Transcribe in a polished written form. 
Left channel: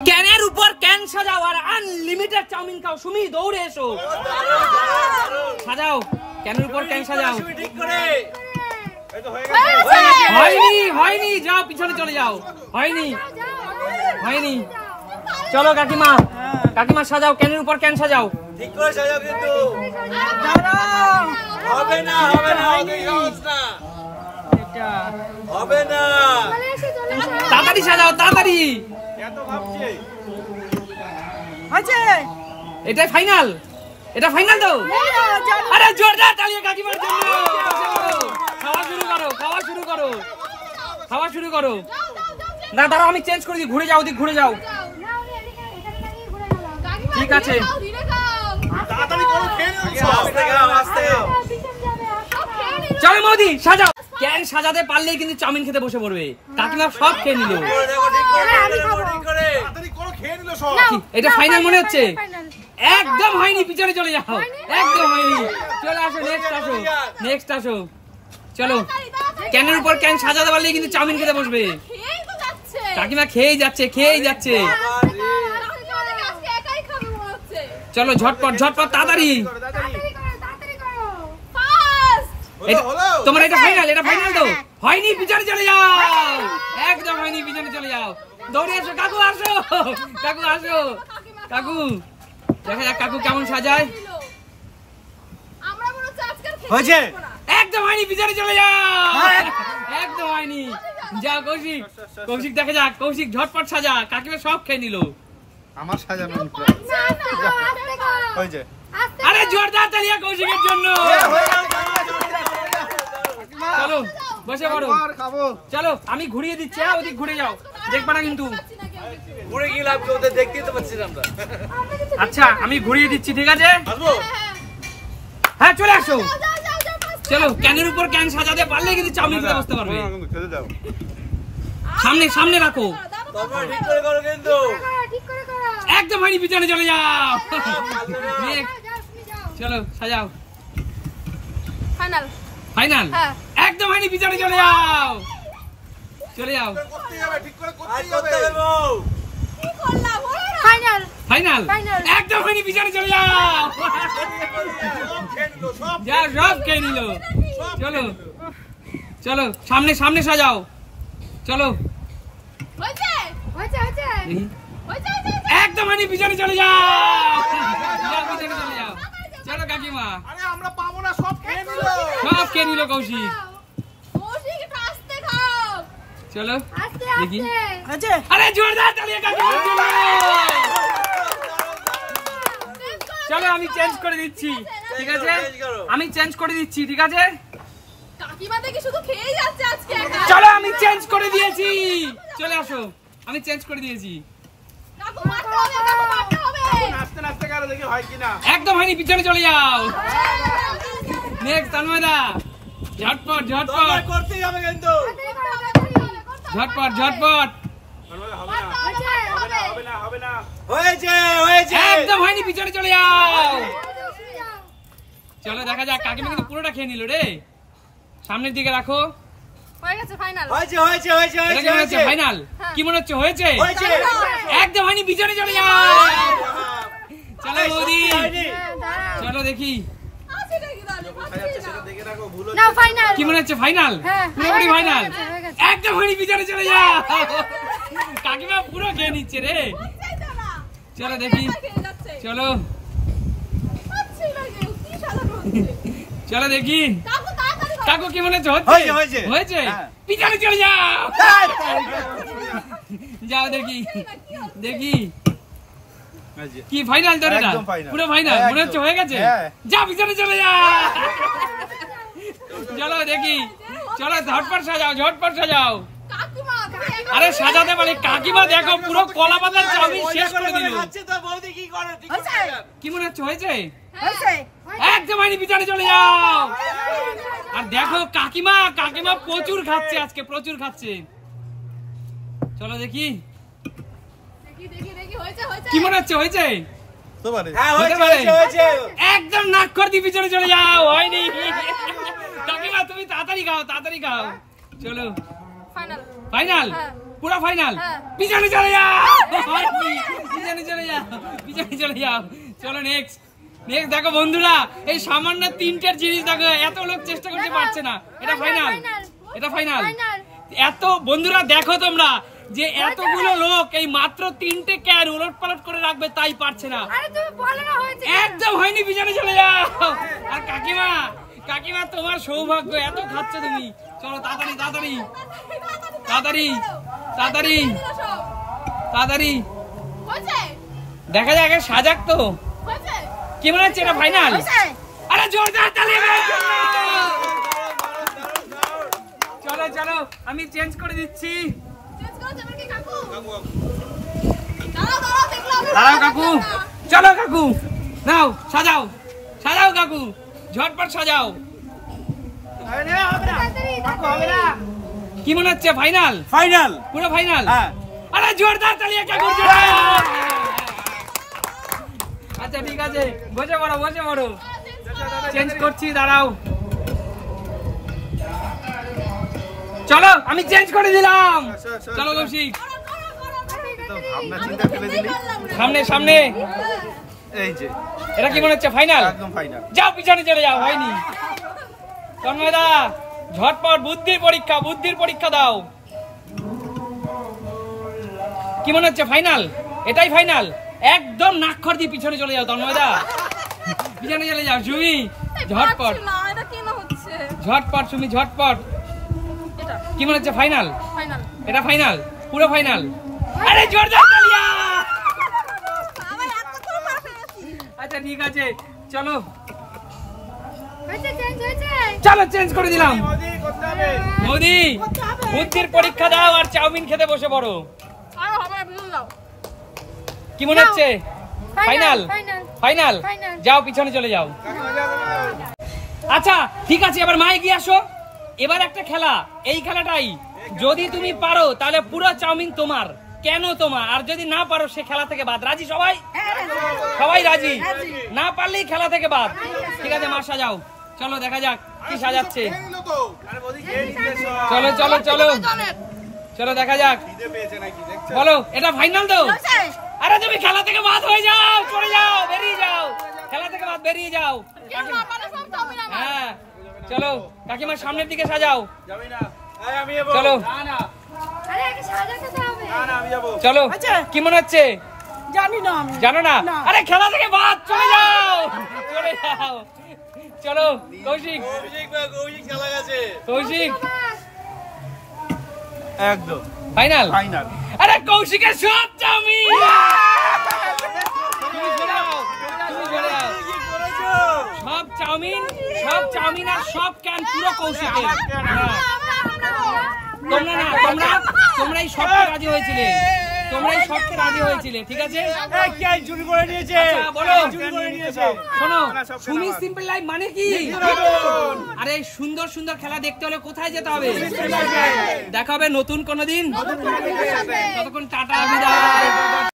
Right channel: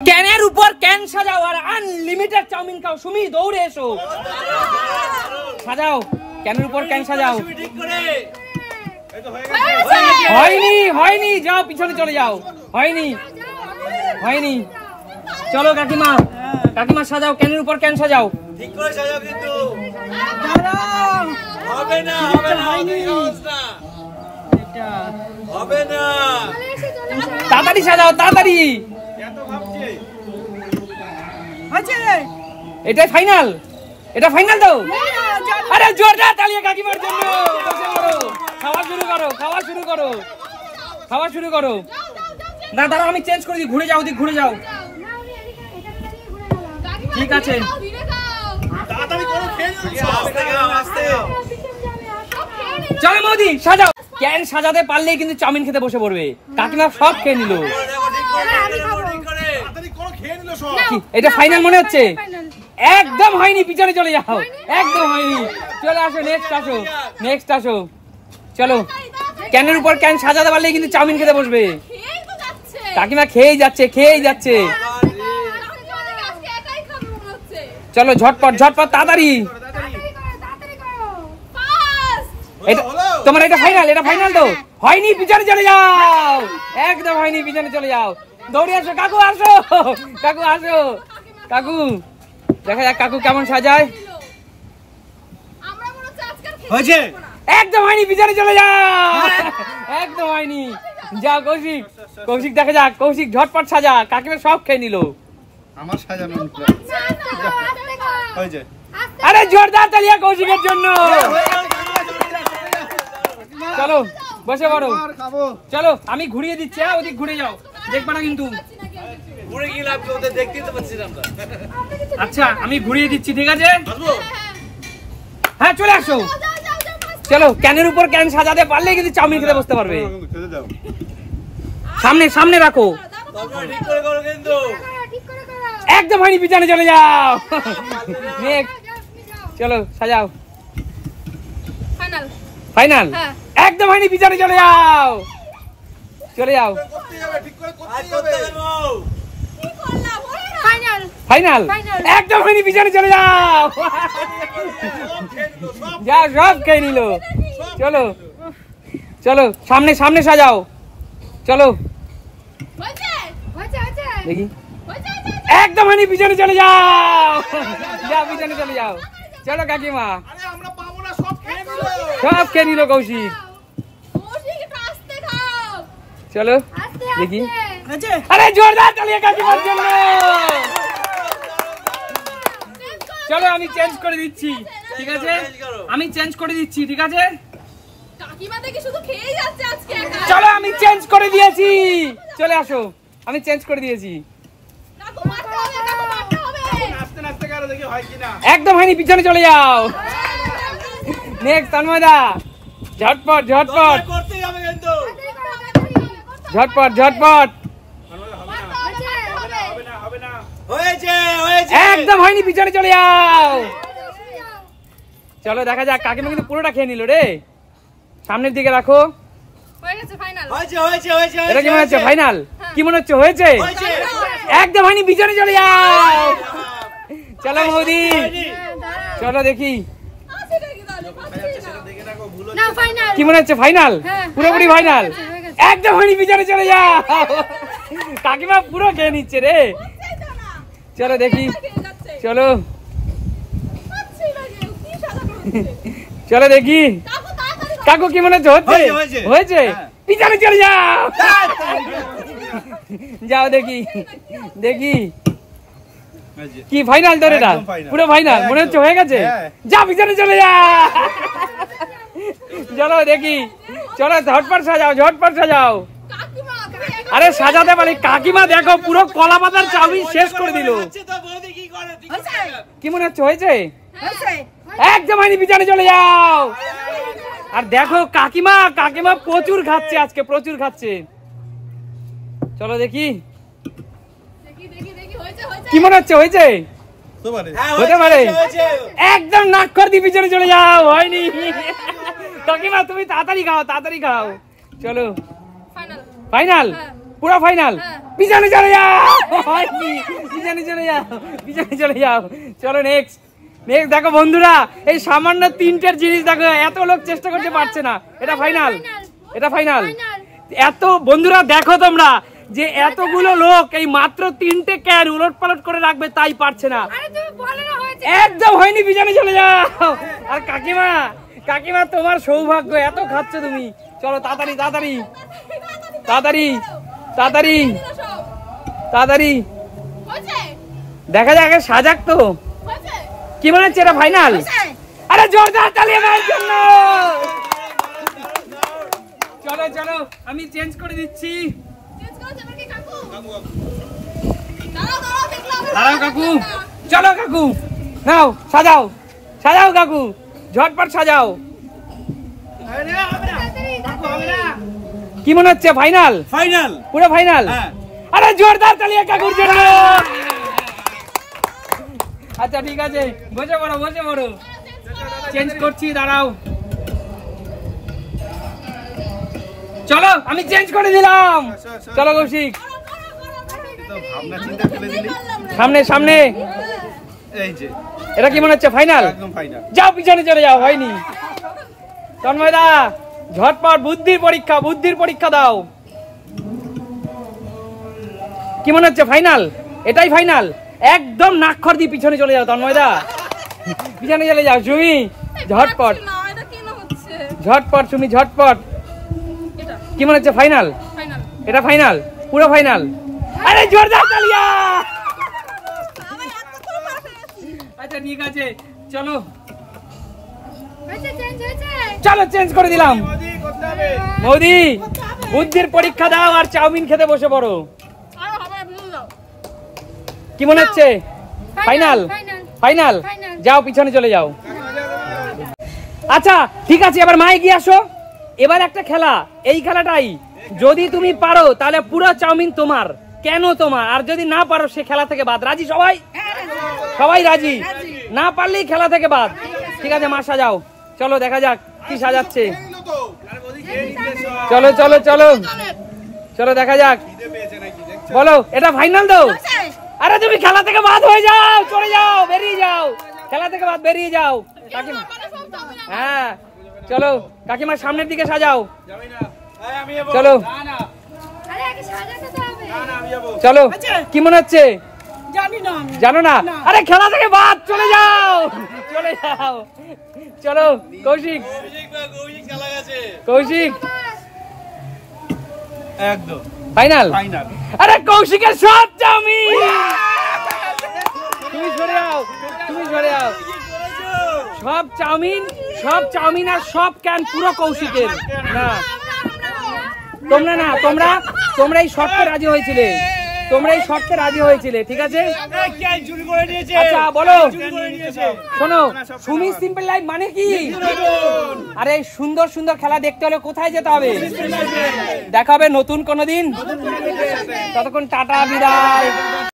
ক্যানের উপর ক্যান সাজাও আর unlimited chowmein খাও। সুমি দৌড়ে এসো, সাজাও ক্যানের উপর ক্যান সাজাও। হয়নি হয়নি, যাও পিছনে চলে যাও। হয়নি হয়নি, চলো কাকিমা, কাকিমা সাজাও ক্যানের উপর ক্যান সাজাও। ঠিক করে সাজাও, কিন্তু হবে না, হবে না, এটা হবে না। তাড়াতাড়ি সাজাও, তাড়াতাড়ি। এত ভাবছি আছে এটাই ফাইনাল, এটা ফাইনাল তো। আরে জোরদার তালি কাকিমার জন্য। খাওয়া শুরু করো, খাওয়া শুরু করো, খাওয়া শুরু করো। না দাঁড়াও, আমি চেঞ্জ করে দিই, ঘুরে যাও, ওদিক ঘুরে যাও। ঠিক আছে, তাড়াতাড়ি করো, খেয়ে নিও। আস্তে খাও, আস্তে। চলো মোদি সাজাও। ক্যান সাজাতে পারলেই কিন্তু চাউমিন খেতে বসে পড়বে। কাকিমা সব খেয়ে নিল। এটা ফাইনাল মনে হচ্ছে। একদম হয়নি, পিছনে চলে যাও। একদম হয়নি, চলে আসো, নেক্সট আসো, নেক্সট আসো। চলো, ক্যানের উপর ক্যান সাজাতে পারলেই কিন্তু চাউমিন খেতে বসবে। কাকিমা খেয়েই যাচ্ছে, খেয়েই যাচ্ছে। চলো ঝটপট ঝটপট, তাড়াতাড়ি। তোমার এটা ফাইনাল, এটা ফাইনাল তো। হয়নি, পিছনে চলে যাও। একদম হয়নি, পিছনে চলে যাও। দৌড়ে আসো কাকু, আসো কাকু, আসো কাকু। দেখা যাক কাকু কেমন সাজায়। হয়েছে, একদম হয়নি, পিছনে চলে যাও। একদম হয়নি, যাও কৌশিক, কৌশিক দেখা যাক। কৌশিক ঝটপট সাজা, কাকিমা সব খেয়ে নিল। আমার সাজানো হয়েছে। আরে জোরদার তালিয়া কৌশিকের জন্য। চলো বসে পড়ো। চলো আমি ঘুরিয়ে দিচ্ছি, ওদিক ঘুরে যাও, দেখবা না কিন্তু। ঘুরে কি লাভ, ওদের দেখতেই তো পাচ্ছি না আমরা। আচ্ছা আমি ঘুরিয়ে দিচ্ছি, ঠিক আছে। হ্যাঁ চলে আসো। চলো, ক্যানের উপর ক্যান সাজাতে পারলেই কিন্তু চাউমিন খেতে বসতে পারবে। সামনে সামনে রাখো। ঠিক করে করো কিন্তু। একদম হয়নি, পিছনে চলে যাও। চলো সাজাও। ফাইনাল ফাইনাল, একদম হয়নি, পিছনে চলে যাও, চলে যাও। ফাইনাল ফাইনাল, একদম হয়নি, পিছনে চলে যাও। যা সব খেয়ে নিল। চলো চলো, সামনে সামনে সাজাও। চলো দেখি, একদম হয়নি, পিছনে চলে যাও। যাও পিছনে চলে যাও। চলো কাকিমা, আমরা পাবো না, সব খেয়ে নিল। সব খেয়ে নিল কৌশিক। চলো দেখি। আরে জোরদার তালিয়া কাকিমার জন্য। চলো আমি চেঞ্জ করে দিচ্ছি, ঠিক আছে। আমি চেঞ্জ করে দিচ্ছি, ঠিক আছে। চলো আমি চেঞ্জ করে দিয়েছি, চলে আসো। আমি চেঞ্জ করে দিয়েছি। নাচতে নাচতে কারো দেখি হয় কিনা। একদম হয়নি, পিছনে চলে যাও। নেক্সট তন্ময়দা, ঝটপট ঝটপট করতেই হবে কিন্তু। ঝটপট ঝটপট। হয়েছে, হয়েছে। একদম হয়নি, পিছনে চলে যাও। চলো দেখা যাক, কাকিমা কিন্তু পুরোটা খেয়ে নিল রে। সামনের দিকে রাখো। হয়েছে, হয়েছে, হয়েছে। এটা কি মনে হচ্ছে ফাইনাল? কি মনে হচ্ছে হয়েছে? একদম হয়নি, পিছনে চলে যাও। চলো মোদি, চলো দেখি কি মনে হচ্ছে ফাইনাল। পুরোপুরি ফাইনাল। একদম হয়নি, পিছনে চলে যাও। কাকিমা পুরো খেয়ে নিচ্ছে রে। চলো দেখি, চলো চলো দেখি। কাকু কি মনে হচ্ছে হচ্ছে? হয়েছে, পিছনে চলে যাও। যাও দেখি, দেখি কি ফাইনাল তো। এটা পুরো ফাইনাল মনে হচ্ছে হয়ে গেছে। যা পিছনে চলে যাও। চলো দেখি, চলো ঝটপট সাজাও, ঝটপট সাজাও। আরে সাজাতে পারি। কাকিমা দেখো পুরো কলা পাতার চাউমিন শেষ করে দিল। কি মনে হচ্ছে হয়েছে? একদম হয়নি, পিছনে চলে যাও। আর দেখো কাকিমা, কাকিমা প্রচুর খাচ্ছে আজকে, প্রচুর খাচ্ছে। চলো দেখি কি মনে হচ্ছে হয়েছে। একদম নাক করে দিয়ে পিছনে চলে যাও। হয়নি। কাকিমা তুমি তাড়াতাড়ি খাও, তাড়াতাড়ি খাও। চলো ফাইনাল। পুরো ফাইনাল পিছনে চলে যাও পিছনে চলে যাও চলো নেক্সট দেখো বন্ধুরা এই সামান্য 3টের জিনিস দেখো এত লোক চেষ্টা করতে পারছে না এটা ফাইনাল এত বন্ধুরা দেখো তোমরা যে এতগুলো লোক এই মাত্র 3টে ক্যান উলটপালট করে রাখবে তাই পারছে না একদম হয়নি পিছনে চলে যাও আর কাকিমা তোমার সৌভাগ্য এত খাচ্ছ তুমি চলো তাড়াতাড়ি দেখা যাক আগে সাজাক তো কি মনে হচ্ছে এটা ফাইনাল আরে জোরদার তালি দেওয়ার জন্য চলো আমি চেঞ্জ করে দিচ্ছি দাঁড়াও কাকু চলো কাকু নাও সাজাও কাকু ঝটপট সাজাও কি মনে হচ্ছে ফাইনাল পুরো ফাইনাল আরে জোরদার তালি কাকুর জন্য আচ্ছা ঠিক আছে বসে পড়ো চেঞ্জ করছি দাঁড়াও চলো আমি চেঞ্জ করে দিলাম চলো কৌশিক সামনে এটা কি মনে হচ্ছে ফাইনাল যাও পিছনে চলে যাও হয়নি তন্ময়দা ঝটপট বুদ্ধির পরীক্ষা দাও কি মনে হচ্ছে ফাইনাল এটাই ফাইনাল একদম নাক্ষর দিয়ে পিছনে চলে যাও তন্ময়দা পিছনে চলে যাও সুমি ঝটপট সুমি ঝটপট কি মনে হচ্ছে ফাইনাল এটা ফাইনাল পুরো ফাইনাল আরে জোরদার তালিয়া আচ্ছা ঠিক আছে চলো চেঞ্জ করে দিলাম মোদি বুদ্ধির পরীক্ষা দাও আর চাউমিন খেতে বসে পড়ো কি মনে হচ্ছে ফাইনাল যাও পিছনে চলে যাও আচ্ছা ঠিক আছে এবার মা এগিয়ে আসো এবার একটা খেলা এই খেলাটাই যদি তুমি পারো তাহলে পুরো চাউমিন তোমার কেন তোমার আর যদি না পারো সে খেলা থেকে বাদ রাজি সবাই রাজি না পারলেই খেলা থেকে বাদ ঠিক আছে মা সাজাও চলো দেখা যাক কি সাজাচ্ছে চলো দেখা যাক বলো এটা ফাইনাল দাও আরে তুমি খেলা থেকে বাদ হয়ে যাও চলে যাও বেরিয়ে যাও খেলা থেকে বাদ বেরিয়ে যাও হ্যাঁ চলো কাকিমার সামনের দিকে সাজাও চলো চলো কি মনে হচ্ছে জানো না আরে খেলা থেকে বাদ চলে যাও চলো কৌশিক একদম ফাইনাল আরে কৌশিকের সব চাউমিন সব চাউমিন আর সব ক্যান পুরো কৌশিকের তোমরা এই শর্তে রাজি হয়েছিলে ঠিক আছে বলো শোনো সুমি সিম্পল লাইফ মানে কি আরে সুন্দর খেলা দেখতে হলে কোথায় যেতে হবে দেখা হবে নতুন কোনো দিন ততক্ষণ টাটা বিদায়।